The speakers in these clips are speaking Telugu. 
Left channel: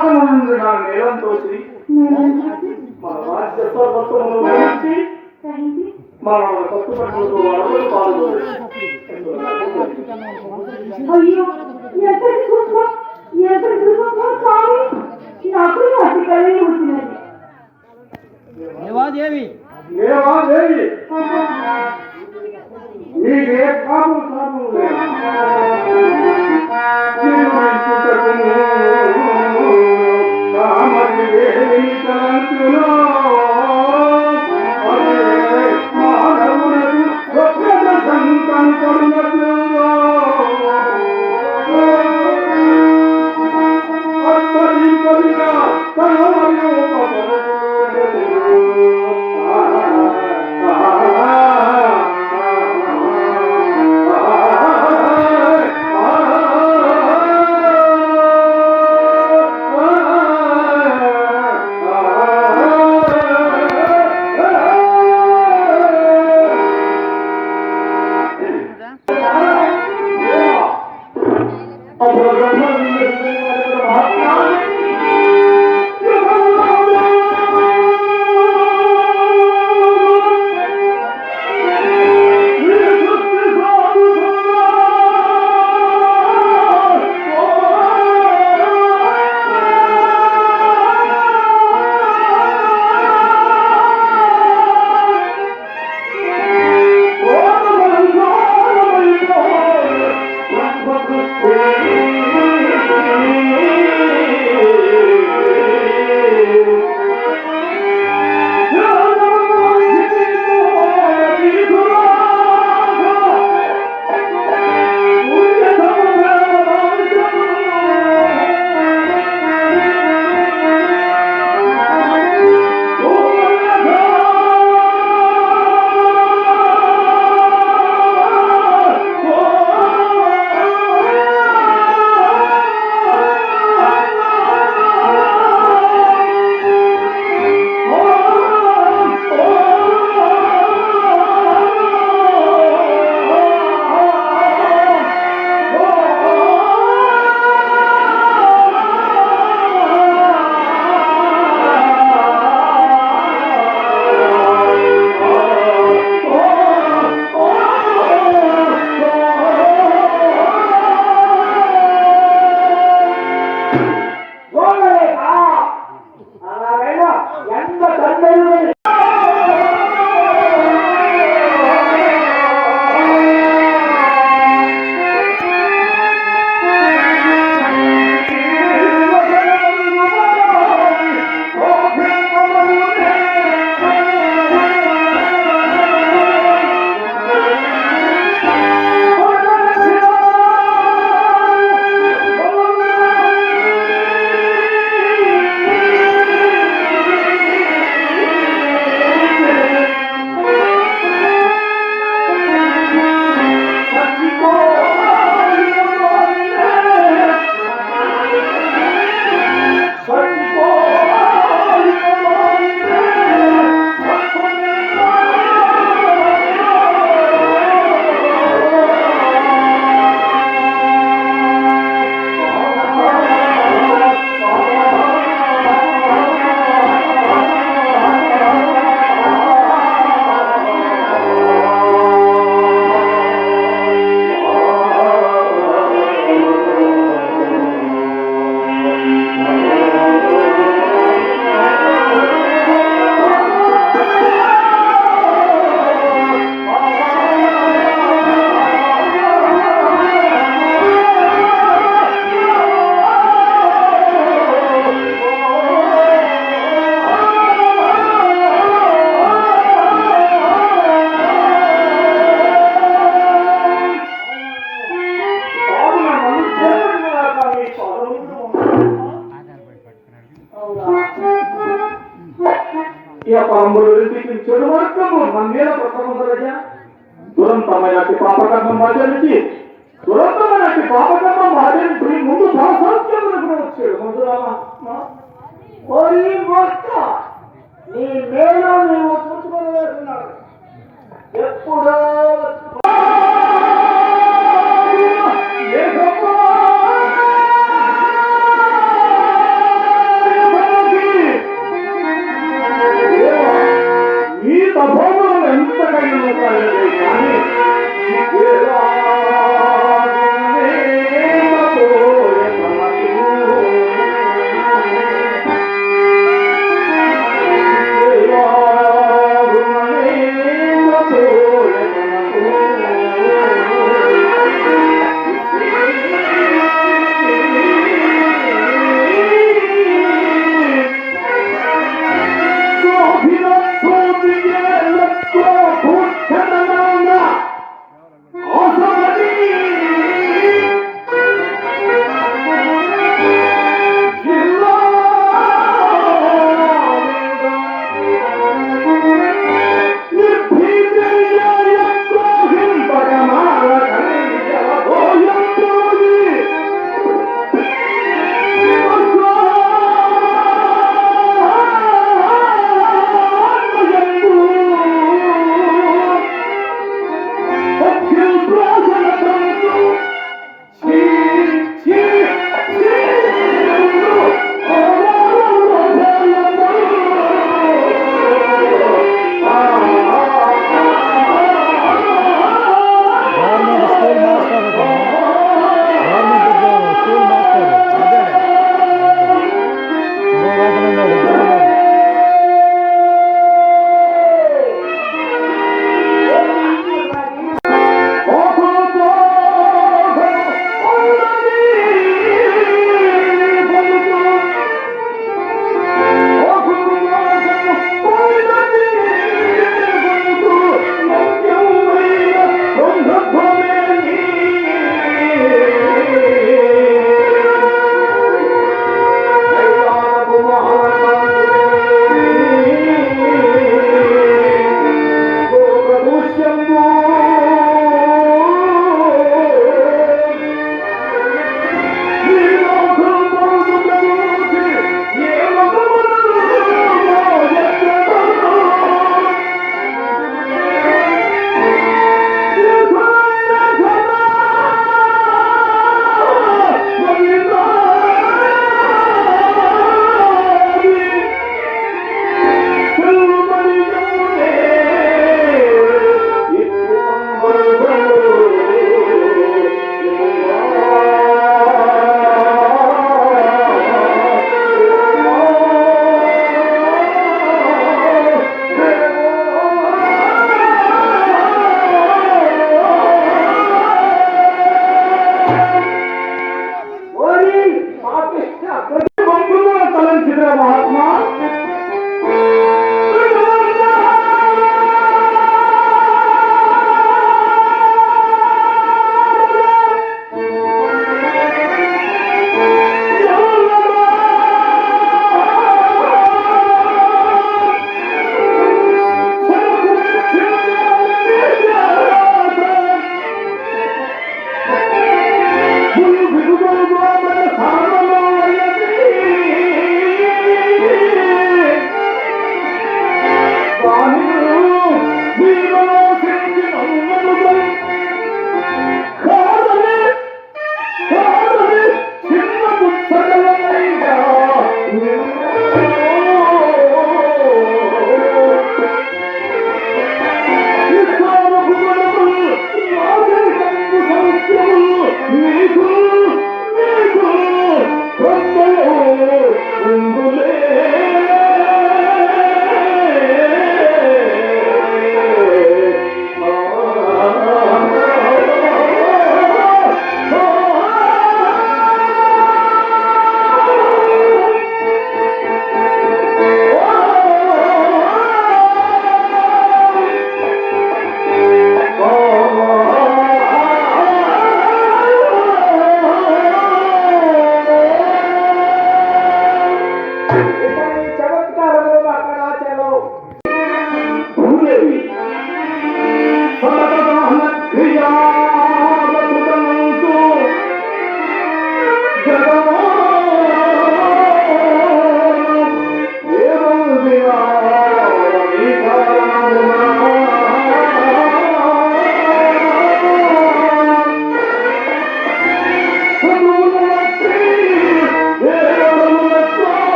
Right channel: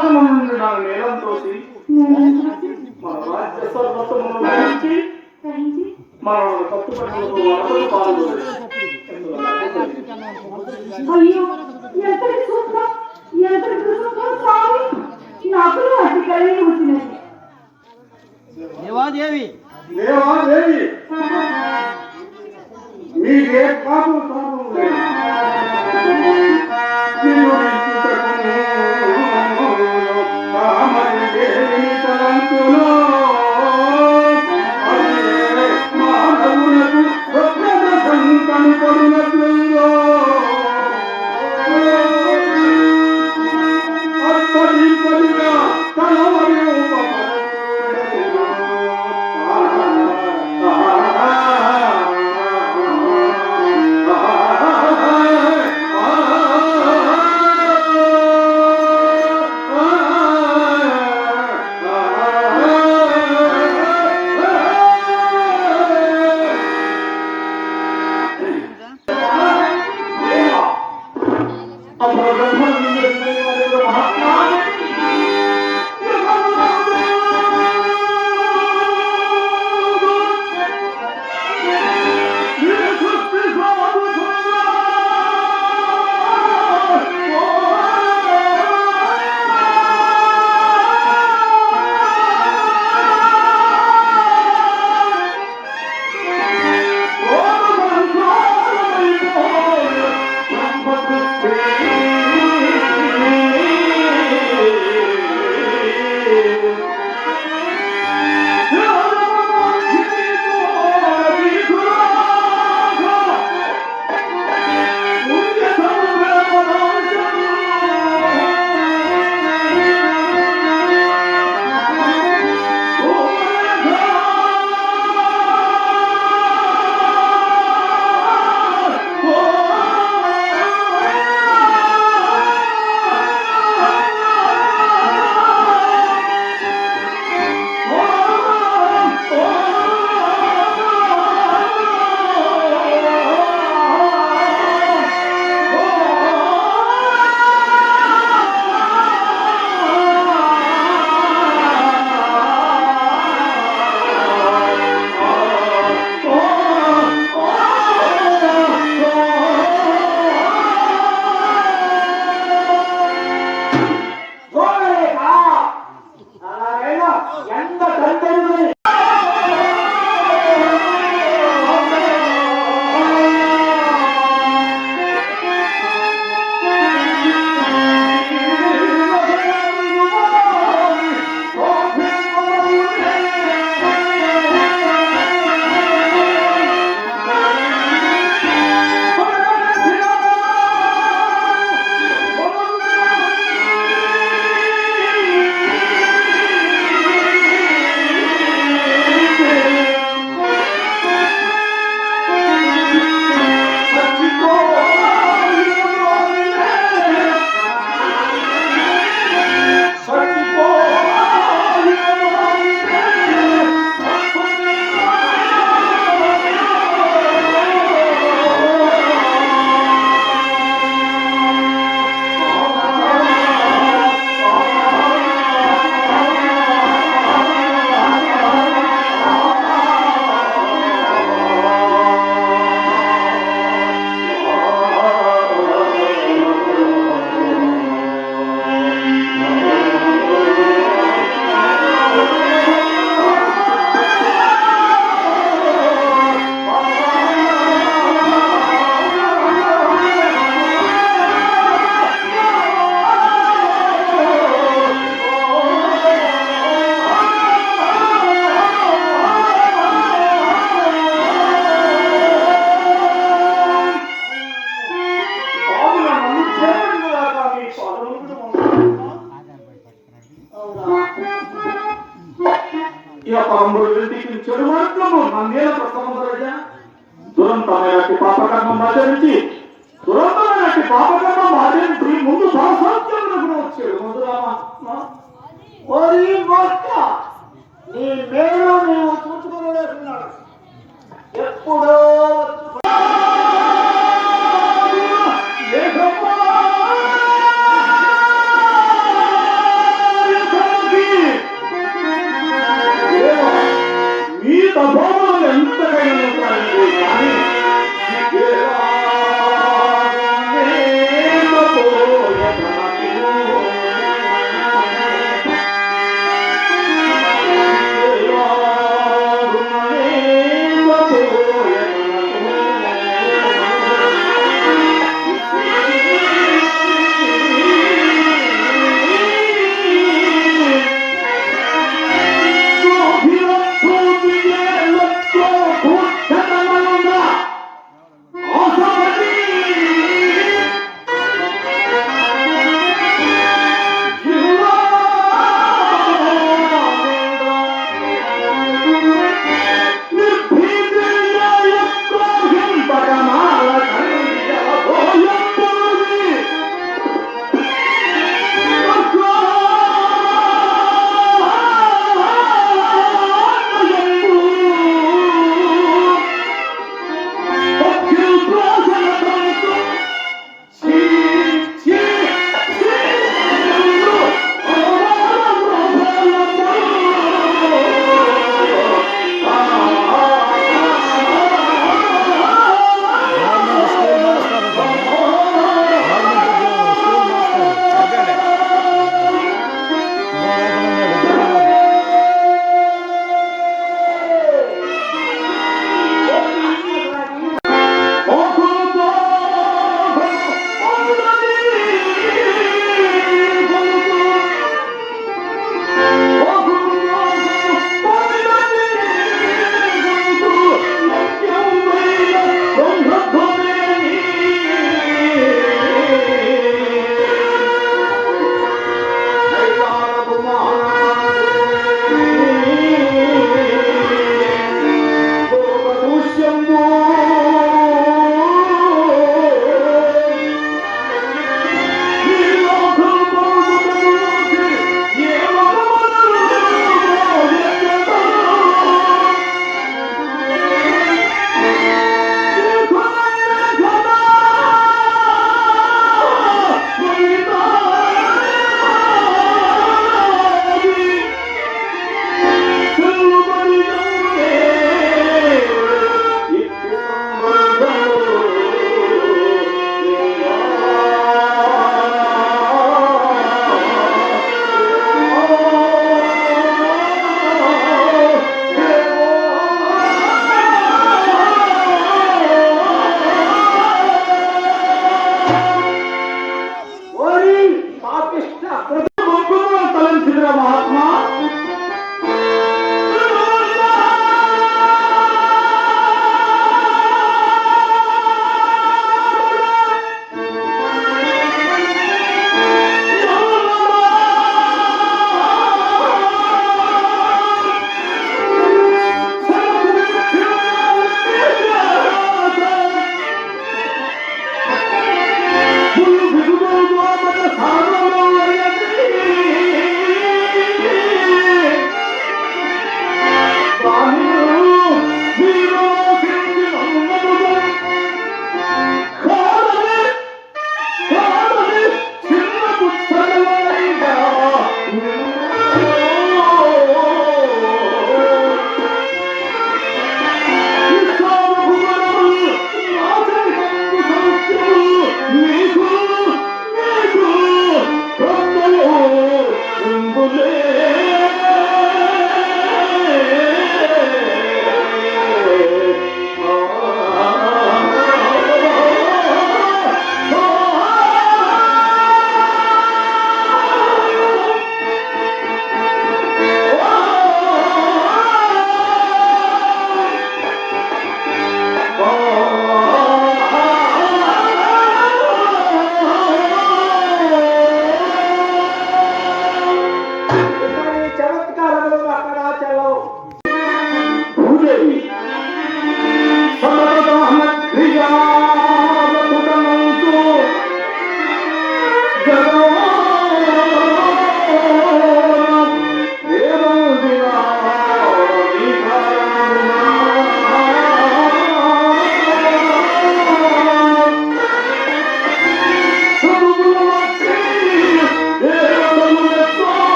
ఆకాశమునందు నా మేళం తోసి మన రాజ్య మన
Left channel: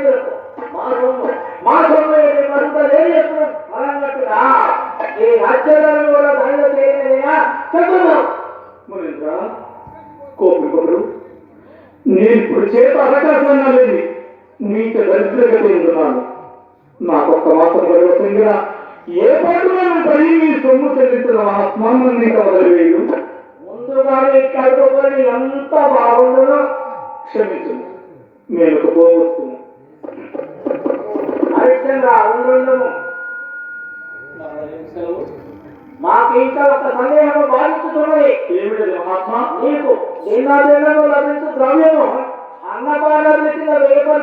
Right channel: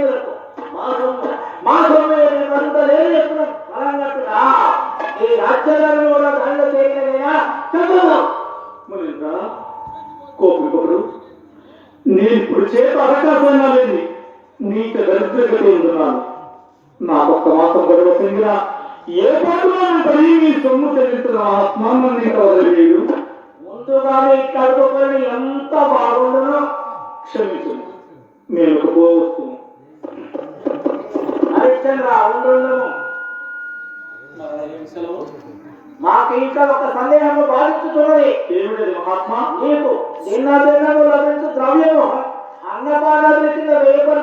దేవులకు మా సొమ్ము మా సొమ్ము అంతా నేను చెప్తున్నాను అలా అన్నట్టుగా ఈ రాజ్యాలను